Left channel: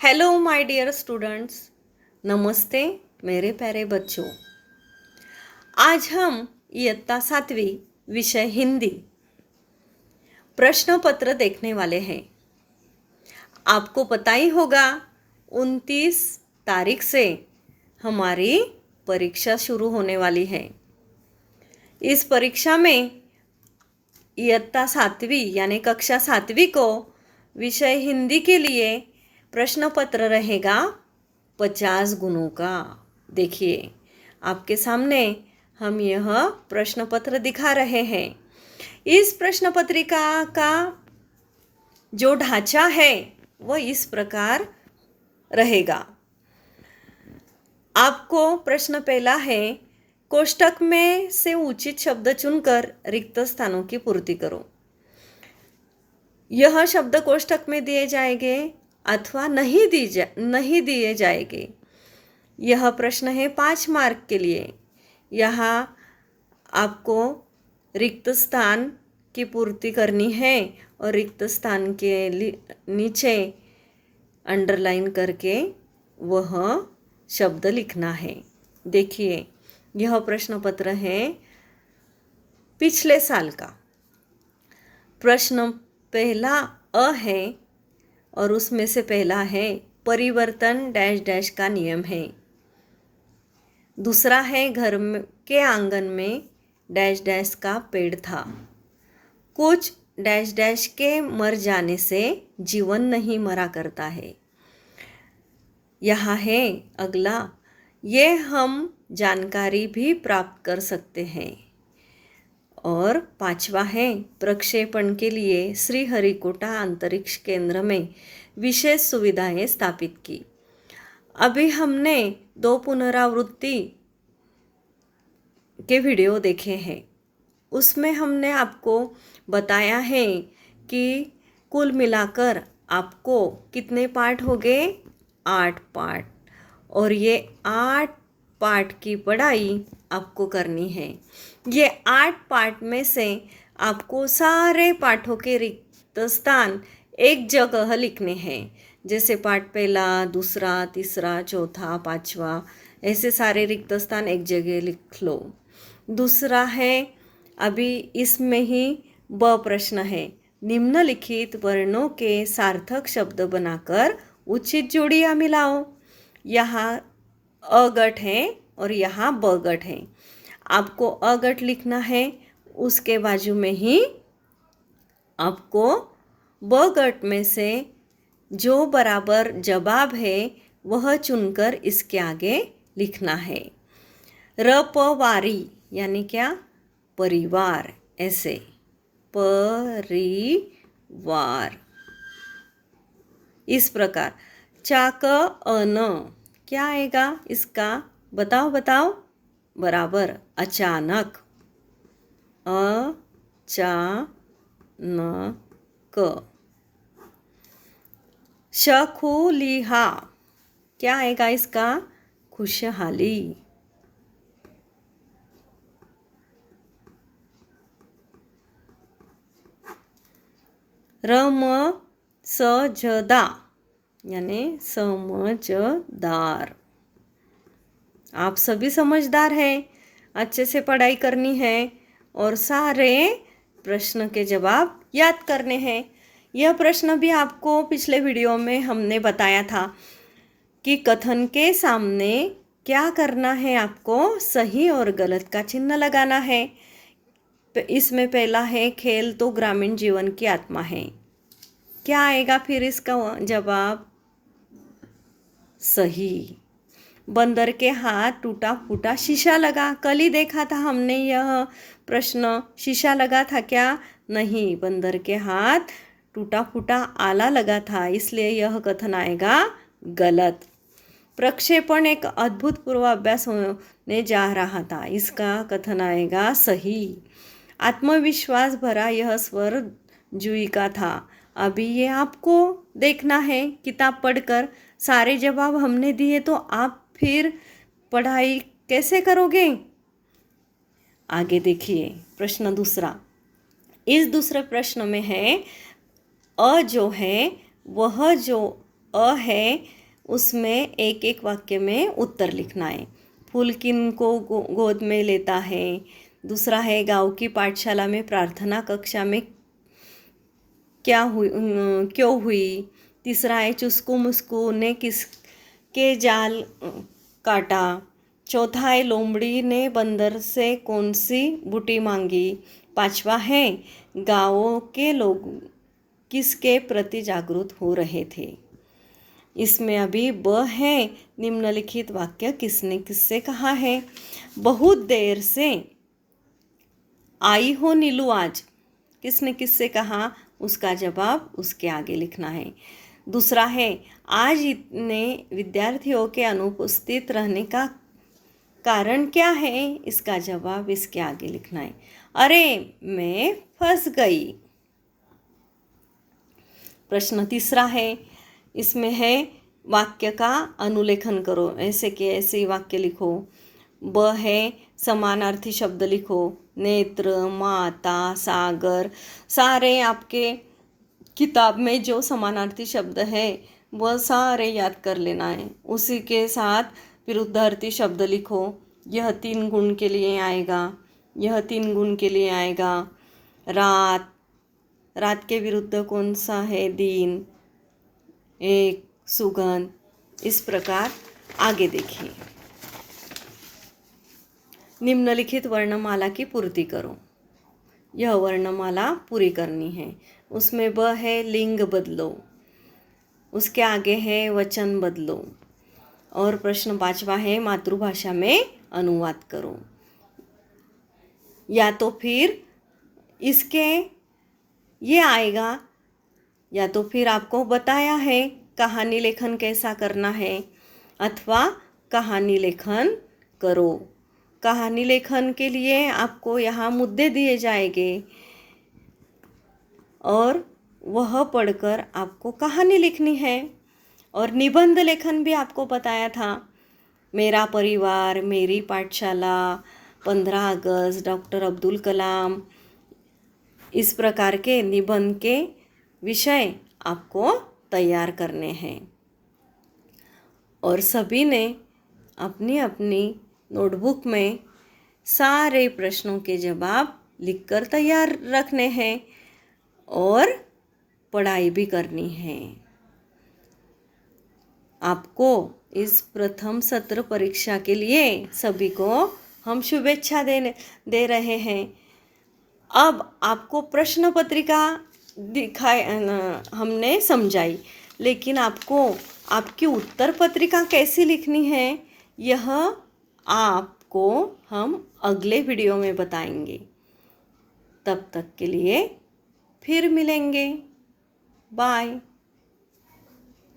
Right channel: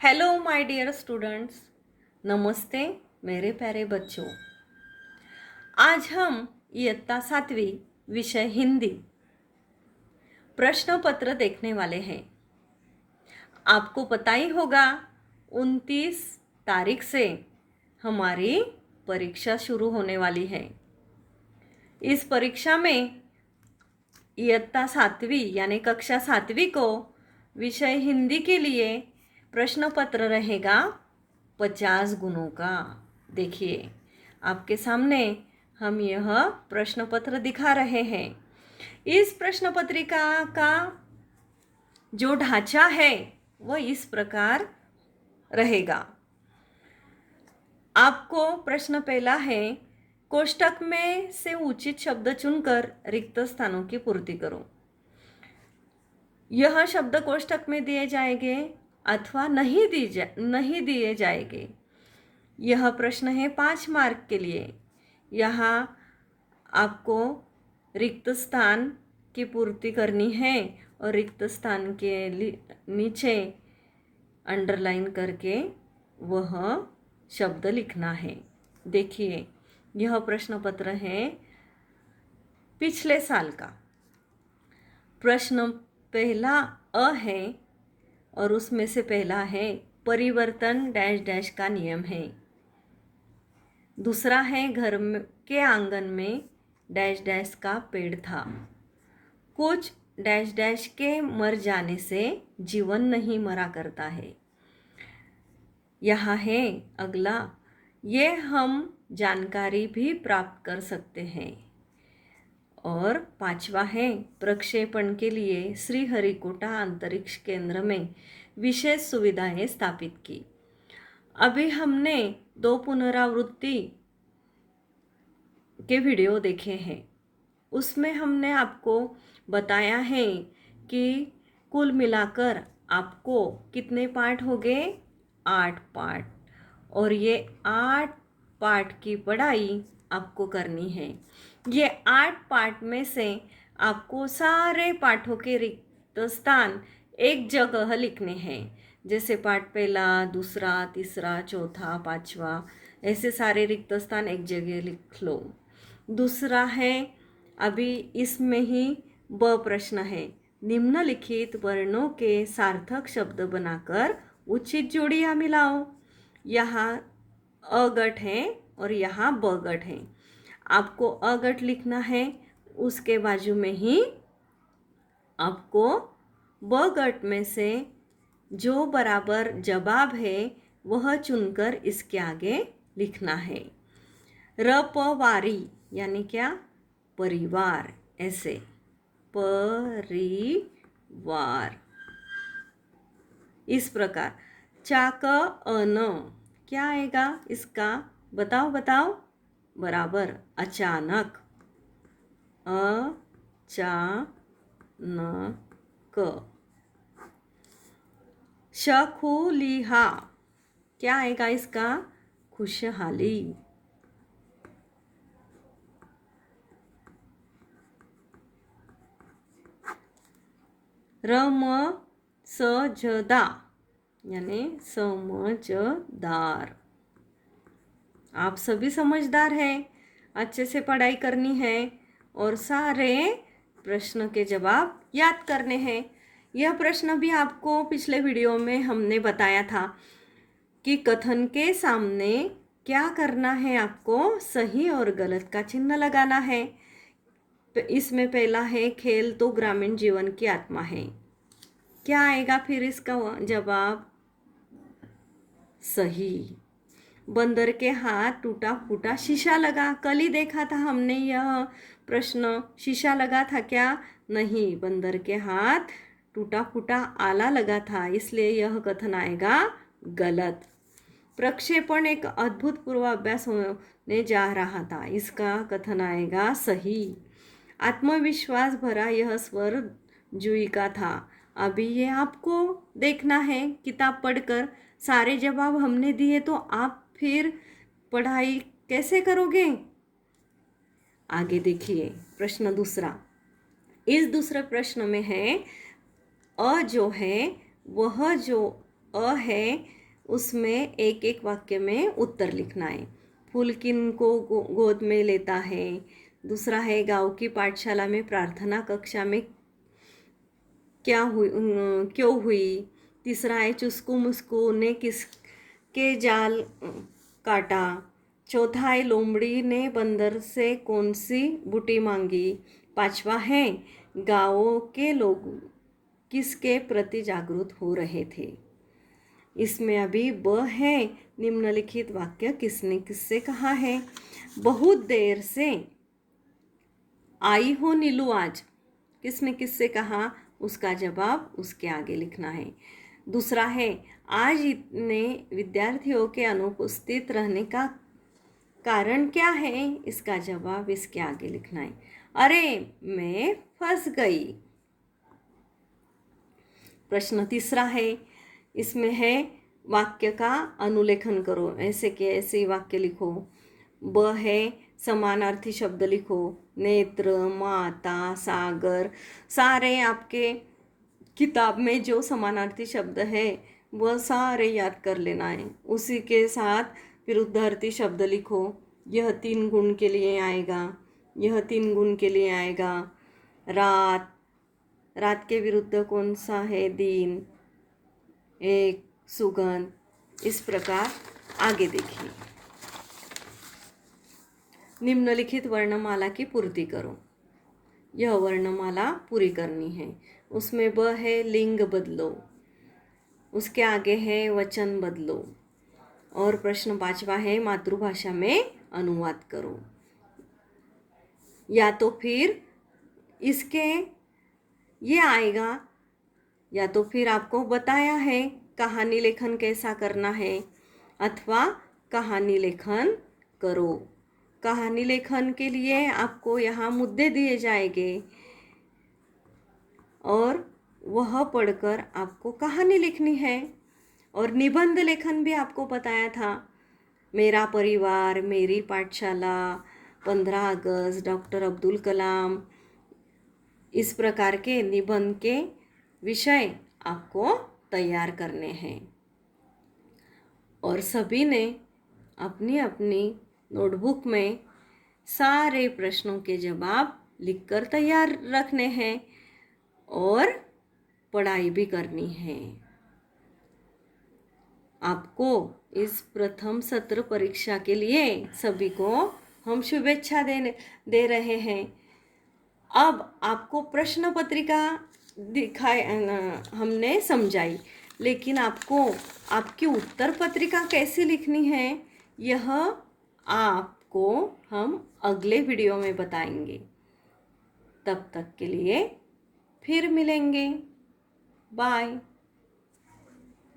Hello my dear students, नमस्ते मेरे प्यारे बच्चों। आज हम इयत्ता 7वीं विषय हिंदी प्रश्न पत्र देखने वाले हैं। आपको पता ही होगा 29 तारीख से हमारी परीक्षा शुरू होने वाली है। इस परीक्षा में इयत्ता 7वीं यानी कक्षा 7वीं को विषय हिंदी के लिए प्रश्न पत्र रहेगा 50 गुणों का। देखिए आपके सामने हम यह प्रश्न पत्र दिखा रहे हैं। इस प्रश्न पत्रिका का जो ढांचा है वह इस प्रकार रहेगा। आपको प्रश्न पहला है, कोष्टक में से उचित शब्द चुनकर रिक्त स्थानों की पूर्ति करो। यह शब्द कोष्टक में दिए जाएंगे अथवा नहीं दिए जाएंगे। यह प्रश्न है 5 मार्क के लिए। यहाँ आपको रिक्त स्थान की पूर्ति करनी है और रिक्त स्थान के नीचे अंडरलाइन करके वह शब्द लिखना है। देखिए यह प्रश्न पत्र है पिछले साल का। प्रश्न पहला अ है और उसमें से पहला है परिवर्तन डैश डैश का नियम है। दूसरा है घर के आंगन में डैश डैश का पेड़ था। कुछ डैश डैश के मर जाने से जीवन नहीं मरा करता है। यहाँ है अगला, ये हम जानकारी भी प्राप्त कर सकते हैं। और 5वां है प्रक्षेपण के लिए श्रीहरिकोटा अंतरिक्ष केंद्र में विशेष सुविधाएं स्थापित की। अभी हमने 2 पुनरावृत्ति के वीडियो देखे हैं। उसमें हमने आपको बताया है कि कुल मिलाकर आपको कितने पार्ट हो गए, 8 पार्ट। और ये 8 पार्ट की पढ़ाई आपको करनी है। ये 8 पार्ट में से आपको सारे पाठों के रिक्त स्थान एक जगह लिखने हैं। जैसे पाठ पहला, दूसरा, तीसरा, चौथा, 5वां, ऐसे सारे रिक्त स्थान एक जगह लिख लो। दूसरा है, अभी इसमें ही ब प्रश्न है, निम्नलिखित वर्णों के सार्थक शब्द बनाकर उचित जोड़ियाँ मिलाओ। यहाँ अगट है और यहाँ बगट है। आपको अगट लिखना है, उसके बाजू में ही आपको बगट में से जो बराबर जवाब है वह चुनकर इसके आगे लिखना है। रपवारी यानी क्या, परिवार, ऐसे परिवार। इस प्रकार चाक अन क्या आएगा इसका, बताओ बताओ, बराबर अचानक, अचानक। शखुलिहा क्या आएगा इसका, खुशहाली। रम सजदा यानी समझदार। आप सभी समझदार हैं, अच्छे से पढ़ाई करनी है और सारे प्रश्न के जवाब याद करने हैं। यह प्रश्न भी आपको पिछले वीडियो में हमने बताया था कि कथन के सामने क्या करना है, आपको सही और गलत का चिन्ह लगाना है। इसमें पहला है खेल तो ग्रामीण जीवन की आत्मा है। क्या आएगा फिर इसका जवाब, सही। बंदर के हाथ टूटा फूटा शीशा लगा। कल ही देखा था हमने यह प्रश्न, शीशा लगा था क्या, नहीं, बंदर के हाथ टूटा फूटा आला लगा था, इसलिए यह कथन आएगा गलत। प्रक्षेपण एक अद्भुत पूर्वाभ्यास होने जा रहा था, इसका कथन आएगा सही। आत्मविश्वास भरा यह स्वर जूही का था। अभी ये आपको देखना है किताब पढ़कर। सारे जवाब हमने दिए तो आप फिर पढ़ाई कैसे करोगे। आगे देखिए प्रश्न दूसरा। इस दूसरे प्रश्न में है, अ जो है वह जो अ है उसमें एक एक वाक्य में उत्तर लिखना है। फूल किन को गोद में लेता है। दूसरा है गांव की पाठशाला में प्रार्थना कक्षा में क्यों हुई। तीसरा है चुस्कू मुस्कू ने किसके जाल काटा। चौथा है लोमड़ी ने बंदर से कौन सी बूटी मांगी। पांचवा है गाँवों के लोग किसके प्रति जागरूक हो रहे थे। इसमें अभी ब है निम्नलिखित वाक्य किसने किससे कहा है। बहुत देर से आई हो नीलू आज, किसने किससे कहा, उसका जवाब उसके आगे लिखना है। दूसरा है आज इतने विद्यार्थियों के अनुपस्थित रहने का कारण क्या है, इसका जवाब इसके आगे लिखना है। अरे मैं फंस गई। प्रश्न तीसरा है, इसमें है वाक्य का अनुलेखन करो, ऐसे के ऐसे वाक्य लिखो। ब है समानार्थी शब्द लिखो। नेत्र, माता, सागर, सारे आपके किताब में जो समानार्थी शब्द है वह सारे याद कर लेना है। उसी के साथ विरुद्धार्थी शब्द लिखो। यह 3 गुण के लिए आएगा, यह 3 गुण के लिए आएगा। रात, रात के विरुद्ध कौन सा है, दिन। एक, सुगंध। इस प्रकार आगे देखिए। निम्नलिखित वर्णमाला की पूर्ति करो। यह वर्णमाला पूरी करनी है। उसमें ब है लिंग बदलो, उसके आगे है वचन बदलो, और प्रश्न 5वां है मातृभाषा में अनुवाद करो। या तो फिर इसके ये आएगा, या तो फिर आपको बताया है कहानी लेखन कैसा करना है, अथवा कहानी लेखन करो। कहानी लेखन के लिए आपको यहाँ मुद्दे दिए जाएंगे और वह पढ़कर आपको कहानी लिखनी है। और निबंध लेखन भी आपको बताया था, मेरा परिवार, मेरी पाठशाला, 15 अगस्त, डॉक्टर अब्दुल कलाम। इस प्रकार के निबंध के विषय आपको तैयार करने हैं। और सभी ने अपनी अपनी नोटबुक में सारे प्रश्नों के जवाब लिखकर तैयार रखने हैं और पढ़ाई भी करनी है। आपको इस प्रथम सत्र परीक्षा के लिए सभी को हम शुभेच्छा दे रहे हैं। अब आपको प्रश्न पत्रिका हमने समझाई, लेकिन आपको आपकी उत्तर पत्रिका कैसे लिखनी है यह आपको हम अगले वीडियो में बताएंगे। तब तक के लिए फिर मिलेंगे। बाय।